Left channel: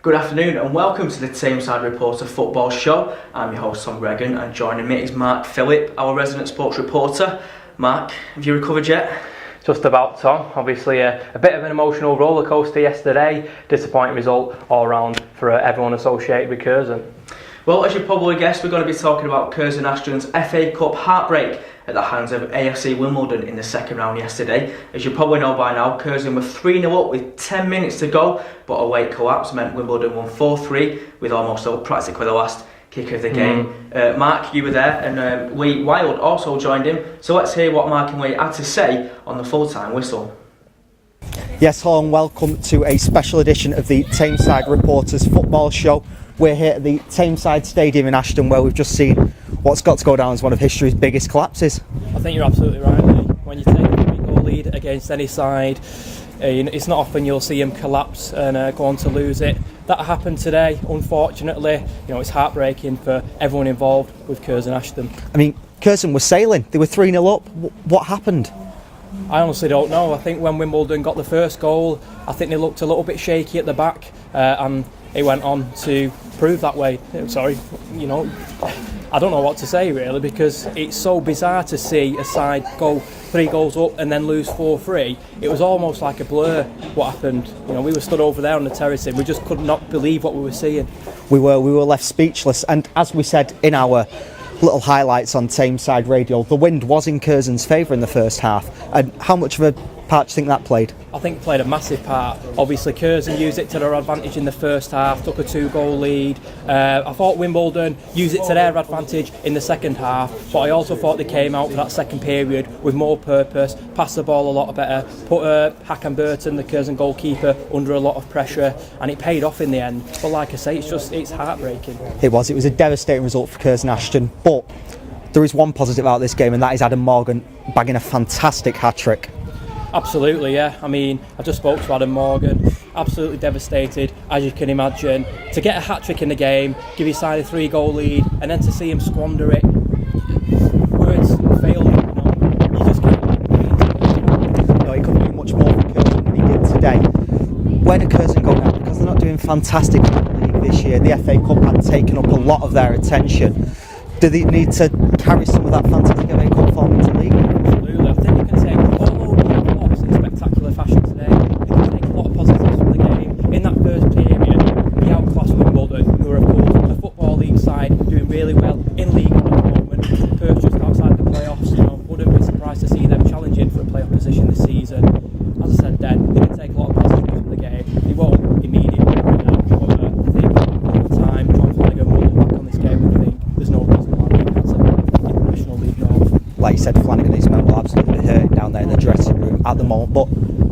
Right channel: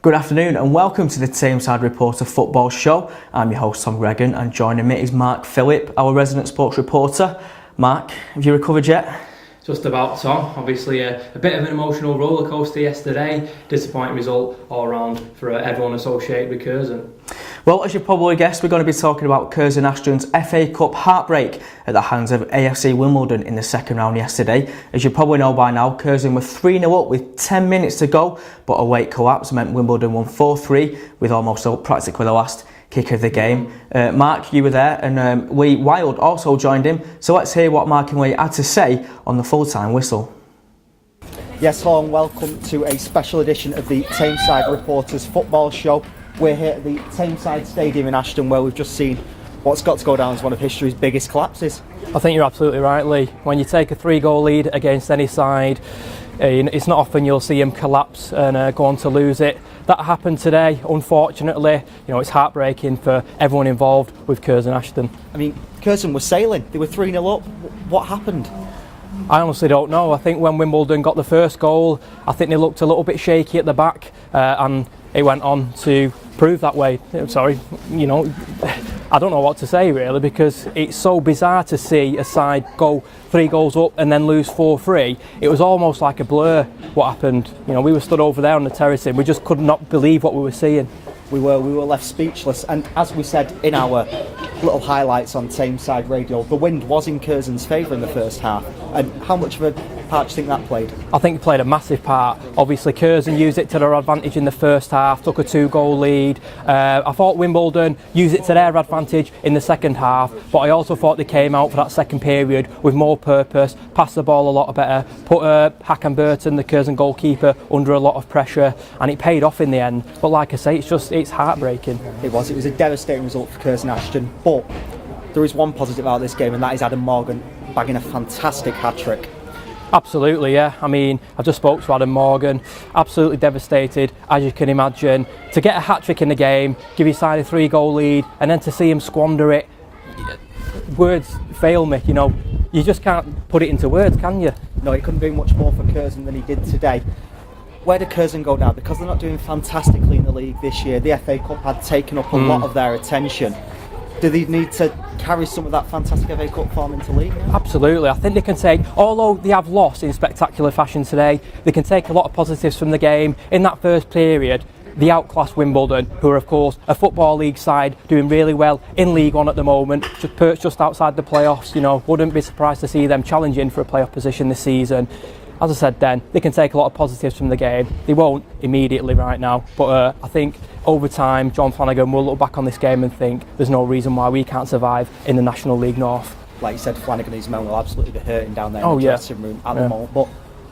Good afternoon and welcome to the Tameside Reporter Football Show. I'm your host Tom Gregan and joining me is Mark Phillip, our resident sports reporter. Mark, have you recovered yet? Just about, Tom. Obviously a bit of an emotional roller coaster yesterday. Disappointing result all round for everyone associated with Curzon. Well, as you probably guessed, we're going to be talking about Curzon Ashton's FA Cup heartbreak at the hands of AFC Wimbledon in the second round yesterday. As you probably know by now, Curzon were 3-0 up with 10 minutes to go, but a late collapse meant Wimbledon won 4-3 with almost practically the last kick of the game. Mark, you were there, and Lee Wild also joined him. So let's hear what Mark and Lee had to say on the full-time whistle. Yes, hello and welcome to a special edition of the Tameside Reporters Football Show. We're here at the Tameside Stadium in Ashton, where we've just seen what's got to go down as one of history's biggest collapses. I think you're absolutely right, Lee. When you take a 3-goal lead against any side, it's not often you'll see him collapse and go on to lose it. That happened today, unfortunately. It's heartbreaking for everyone involved with Curzon Ashton. I mean, Curzon was sailing. They were 3-0 up. What happened? I honestly don't know. I think when Wimbledon got the first goal, I think they looked a little bit shaky at the back, and it went on to prove that way. Sorry, I don't know what to say really, because it's so bizarre to see a side go 3 goals up and then lose 4-3. It was almost like a blur what happened. We were stood over there on the terrace and we just could not believe what we were seeing. We were left speechless, and as we said in our little highlights on Tameside Radio, the wind was in Curzon's favour in the first half. And how much of a part do you think that played? I think it played a massive part. Obviously Curzon used it to their advantage in the first half, took a 2-goal lead. I thought Wimbledon used it to their advantage in the second half, but I also thought they came out for that second period with more purpose, passed the ball a lot better, put Hakan Burton, the Curzon goalkeeper, under a lot of pressure, and it paid off in the end. But like I say, it's heartbreaking. It was a devastating result for Curzon Ashton, but there is one positive out of this game, and that is Adam Morgan bagging a fantastic hat-trick. Absolutely, yeah. I mean, I just spoke to Adam Morgan, absolutely devastated, as you can imagine. To get a hat-trick in the game, give his side a 3-goal lead, and then to see him squander it, words fail me, You just can't put it into words, can you? No, he couldn't do much more for Curzon than he did today. Where did Curzon go now? Because they're not doing fantastic in the league this year. The FA Cup had taken up a lot of their attention. Do they need to carry some of that fantastic FA Cup form into the league? Absolutely. I think they can take, although they have lost in spectacular fashion today, they can take a lot of positives from the game. In that first period, they outclassed Wimbledon, who are of course a Football League side doing really well in League One at the moment, perched just outside the playoffs. Wouldn't be surprised to see them challenging for a playoff position this season. As I said then, they can take a lot of positives from the game. They won't immediately right now, but I think over time John Flanagan will look back on this game and think there's no reason why we can't survive in the National League North. Like you said, Flanagan and his men will absolutely be hurting down there in the dressing room at the moment. But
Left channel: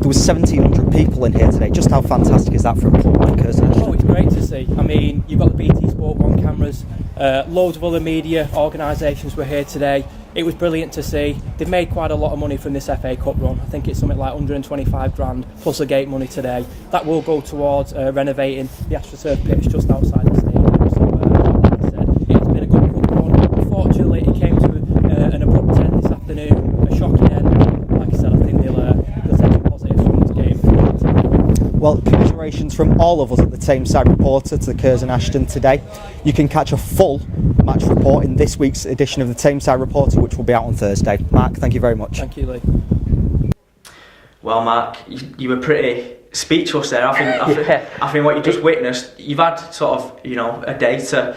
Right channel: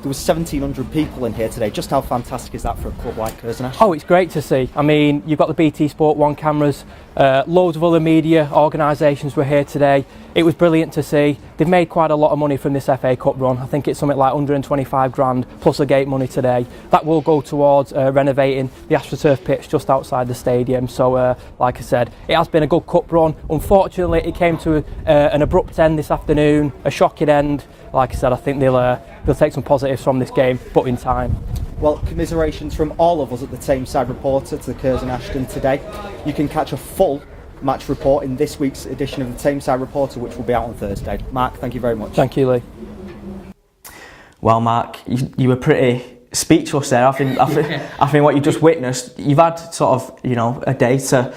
there was 1,700 people in here today. Just how fantastic is that for a club like Curzon? Oh, it's great to see. I mean, you've got the BT Sport 1 cameras, loads of other media organisations were here today. It was brilliant to see. They've made quite a lot of money from this FA Cup run. I think it's something like 125 grand plus a gate money today. That will go towards renovating the AstroTurf pitch just outside the stadium. So, like I said, it has been a good cup run. Unfortunately, it came to an abrupt end this afternoon, a shocking end. Like I said, I think they'll take some positives from this game, but in time. Well, commiserations from all of us at the Tameside Reporter to the Curzon Ashton today. You can catch a full match report in this week's edition of the Tameside Reporter, which will be out on Thursday. Mark, thank you very much. Thank you, Lee. Well, Mark, you were pretty speechless there. I think what you just witnessed, you've had sort of, a day to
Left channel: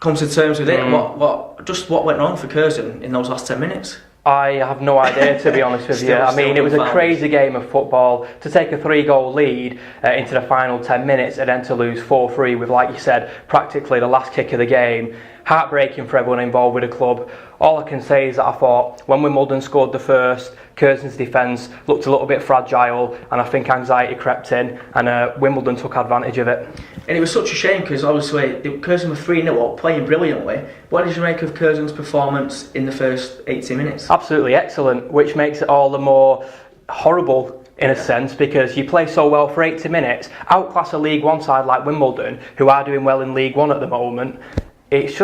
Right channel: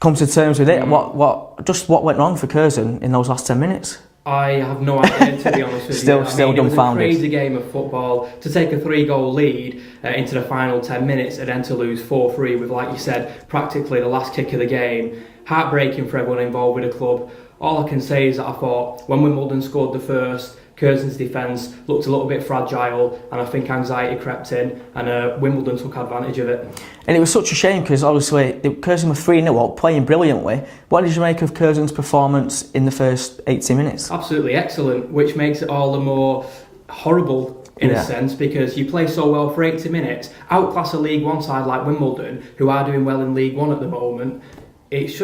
come to terms with it. What went wrong for Curzon in those last 10 minutes? I have no idea, to be honest with you. I mean, it was a crazy game of football. To take a 3-goal lead into the final 10 minutes and then to lose 4-3 with, like you said, practically the last kick of the game. Heartbreaking for everyone involved with the club. All I can say is that I thought when Wimbledon scored the first, Curzon's defence looked a little bit fragile, and I think anxiety crept in, and Wimbledon took advantage of it. And it was such a shame because obviously Curzon were 3-0 up, playing brilliantly. What did you make of Curzon's performance in the first 80 minutes? Absolutely excellent, which makes it all the more horrible in a sense, because you play so well for 80 minutes, outclass a League One side like Wimbledon, who are doing well in League One at the moment. It's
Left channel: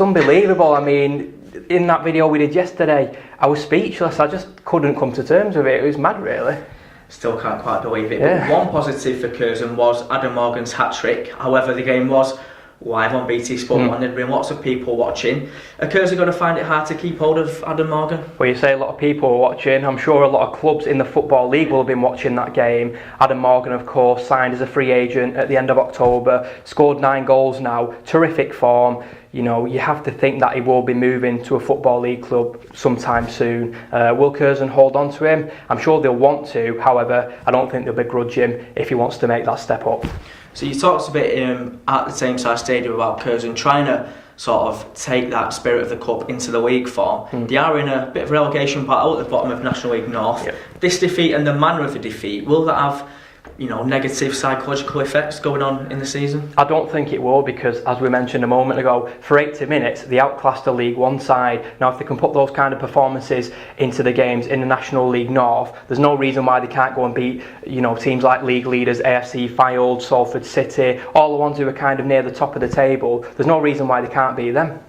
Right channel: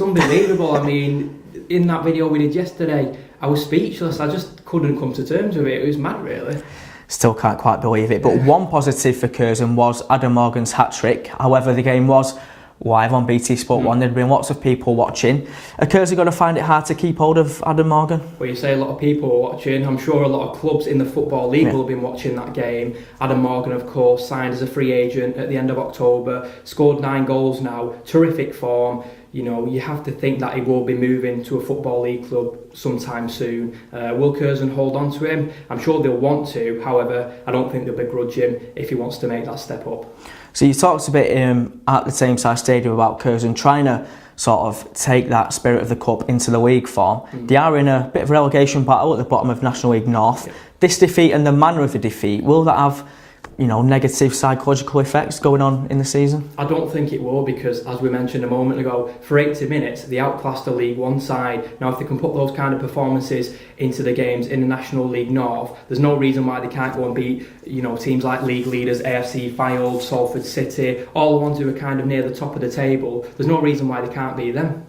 unbelievable. I mean, in that video we did yesterday, I was speechless. I just couldn't come to terms with it. It was mad, really. Still can't quite believe it. But one positive for Curzon was Adam Morgan's hat-trick. However, the game was live on BT Sport 1. There'd been lots of people watching. Are Curzon going to find it hard to keep hold of Adam Morgan? Well, you say a lot of people were watching. I'm sure a lot of clubs in the Football League will have been watching that game. Adam Morgan, of course, signed as a free agent at the end of October, scored 9 goals now, terrific form. You know, you have to think that he will be moving to a Football League club sometime soon. Will Curzon hold on to him? I'm sure they'll want to. However, I don't think they'll begrudge him if he wants to make that step up. So you talked a bit at the Tameside Stadium about Curzon trying to sort of take that spirit of the cup into the league form. They are in a bit of a relegation battle at the bottom of National League North. This defeat and the manner of the defeat, will that have negative psychological effects going on in the season? I don't think it will, because as we mentioned a moment ago, for 80 minutes they outclassed the League One side. Now if they can put those kind of performances into the games in the National League North, there's no reason why they can't go and beat teams like league leaders AFC Wimbledon, Salford City, all the ones who are kind of near the top of the table. There's no reason why they can't beat them.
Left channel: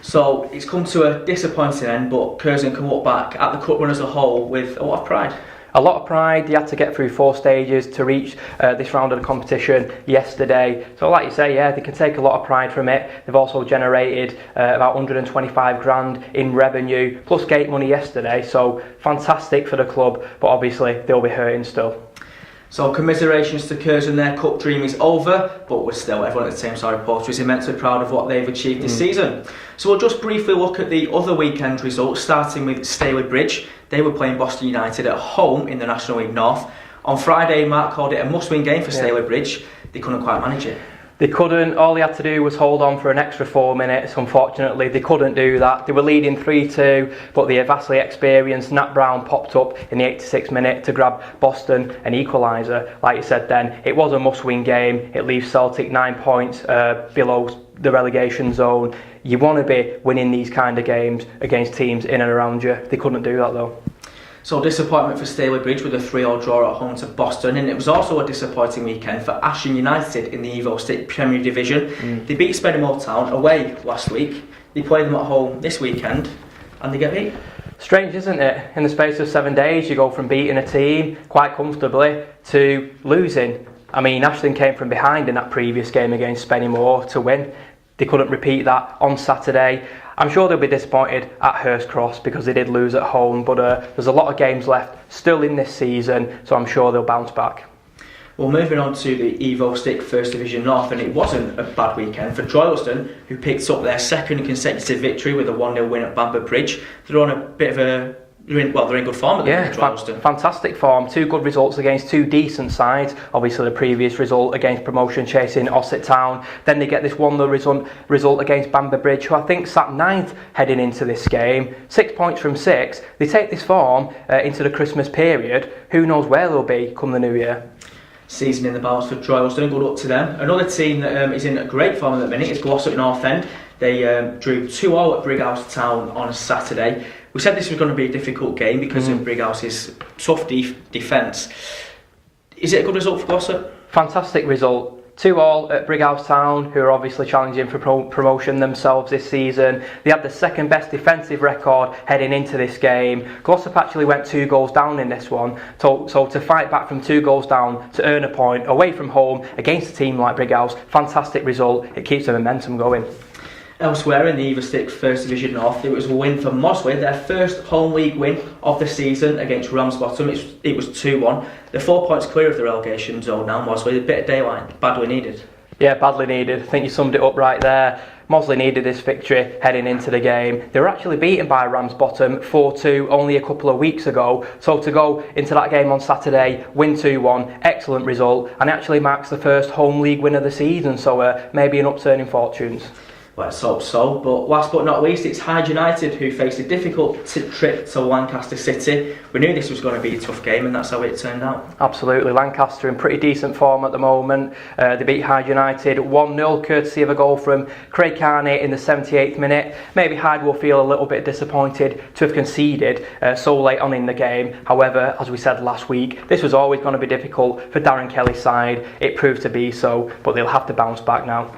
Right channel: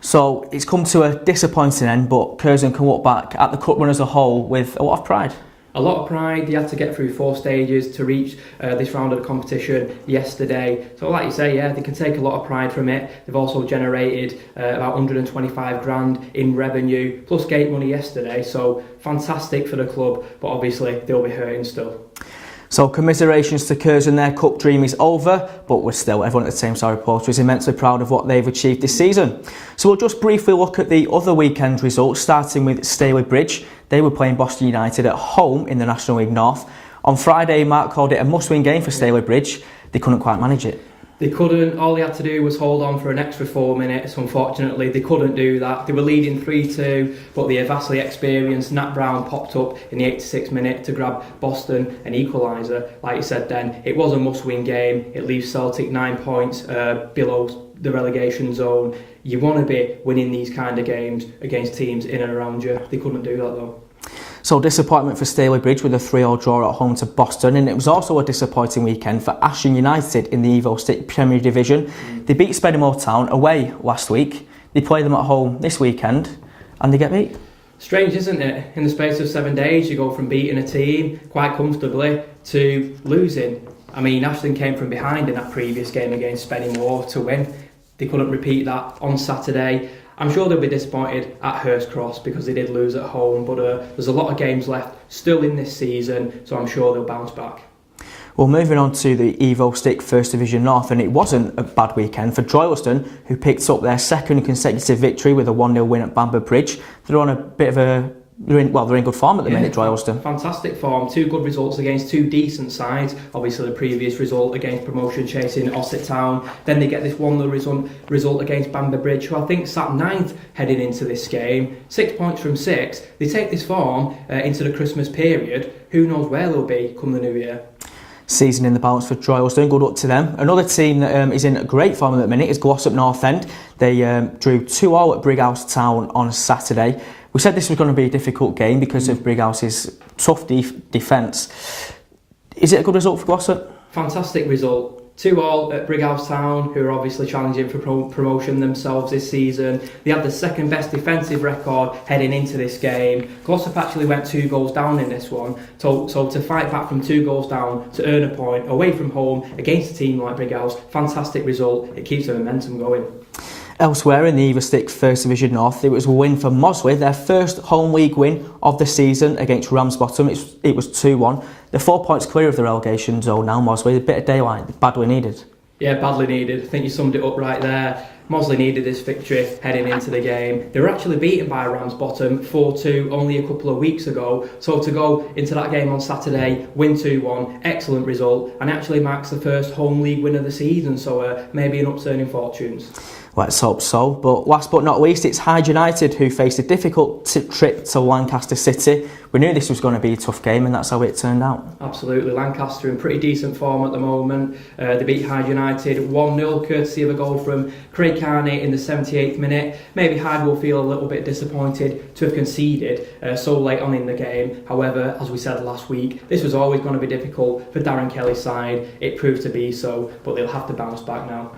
So it's come to a disappointing end, but Curzon can look back at the cup run as a whole with a lot of pride. A lot of pride. They had to get through 4 stages to reach this round of the competition yesterday. So like you say, they can take a lot of pride from it. They've also generated about 125 grand in revenue, plus gate money yesterday. So fantastic for the club, but obviously they'll be hurting still. So commiserations to Curzon, their cup dream is over, but everyone at the Tameside Reporter is immensely proud of what they've achieved this season. So we'll just briefly look at the other weekend results, starting with Stalybridge. They were playing Boston United at home in the National League North. On Friday, Mark called it a must-win game for Stalybridge. They couldn't quite manage it. They couldn't. All they had to do was hold on for an extra 4 minutes. Unfortunately, they couldn't do that. They were leading 3-2, but the vastly experienced Nat Brown popped up in the 86th minute to grab Boston an equaliser. Like you said then, it was a must-win game. It leaves Celtic 9 points below the relegation zone. You want to be winning these kind of games against teams in and around you. They couldn't do that though. So disappointment for Stalybridge with a 3-3 draw at home to Boston, and it was also a disappointing weekend for Ashton United in the Evo Stick Premier Division. They beat Spennymoor Town away last week. They play them at home this weekend and they get beat. Strange, isn't it? In the space of 7 days you go from beating a team quite comfortably to losing. I mean, Ashton came from behind in that previous game against Spennymoor to win. They couldn't repeat that on Saturday. I'm sure they'll be disappointed at Hurst Cross because they did lose at home, but there's a lot of games left still in this season, so I'm sure they'll bounce back. Well, moving on to the Evo Stick First Division North, and it wasn't a bad weekend for Droylsden, who picked up their second consecutive victory with a 1-0 win at Bamber Bridge. They're on a bit of a they're in good form at the minute, Droylsden. Fantastic form. 2 good results against 2 decent sides. Obviously, the previous result against promotion chasing Ossett Town. Then they get this 1-0 result against Bamber Bridge, who I think sat 9th heading into this game. 6 points from 6. They take this form into the Christmas period. Who knows where they'll be come the new year. Season in the balance for Droylsden, good luck to them. Another team that is in great form at the minute is Glossop North End. They drew 2-2 at Brighouse Town on Saturday. We said this was going to be a difficult game because of Brighouse's tough defence. Is it a good result for Glossop? Fantastic result. 2-2 at Brighouse Town, who are obviously challenging for promotion themselves this season. They had the second best defensive record heading into this game. Glossop actually went 2 goals down in this one. So to fight back from 2 goals down to earn a point away from home against a team like Brighouse, fantastic result. It keeps the momentum going. Elsewhere in the Evo Stick First Division North, it was a win for Mossley, their first home league win of the season against Ramsbottom. It was 2-1. They're 4 points clear of the relegation zone now, Mossley. A bit of daylight, badly needed. Yeah, badly needed. I think you summed it up right there. Mossley needed this victory heading into the game. They were actually beaten by Ramsbottom 4-2 only a couple of weeks ago. So to go into that game on Saturday, win 2-1, excellent result, and it actually marks the first home league win of the season. So maybe an upturn in fortunes. Let's hope so. But last but not least, it's Hyde United who faced a difficult trip to Lancaster City. We knew this was going to be a tough game, and that's how it turned out. Absolutely. Lancaster in pretty decent form at the moment. They beat Hyde United 1-0, courtesy of a goal from Craig Carney in the 78th minute. Maybe Hyde will feel a little bit disappointed to have conceded so late on in the game. However, as we said last week, this was always going to be difficult for Darren Kelly's side. It proved to be so, but they'll have to bounce back now.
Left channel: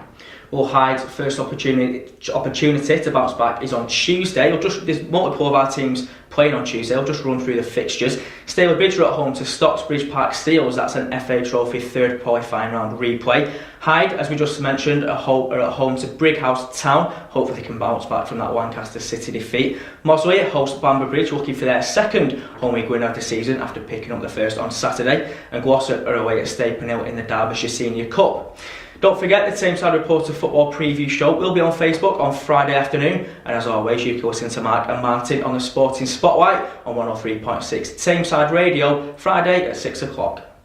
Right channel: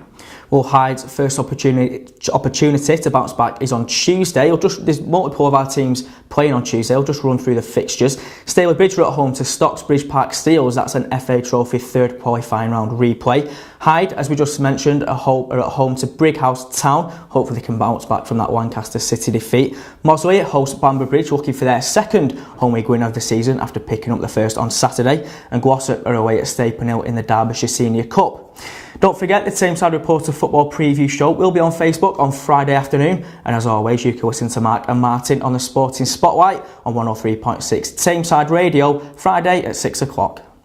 Well, Hyde's first opportunity to bounce back is on Tuesday. There's multiple of our teams playing on Tuesday. I'll just run through the fixtures. Stalybridge are at home to Stocksbridge Park Steels. That's an FA Trophy third qualifying round replay. Hyde, as we just mentioned, are at home to Brighouse Town. Hopefully they can bounce back from that Lancaster City defeat. Mossley host Bamber Bridge, looking for their second home league win of the season after picking up the first on Saturday. And Glossop are away at Stapen Hill in the Derbyshire Senior Cup. Don't forget, the Tameside Reporter Football Preview Show will be on Facebook on Friday afternoon. And as always, you can listen to Mark and Martin on the Sporting Spotlight on 103.6 Tameside Radio, Friday at 6 o'clock.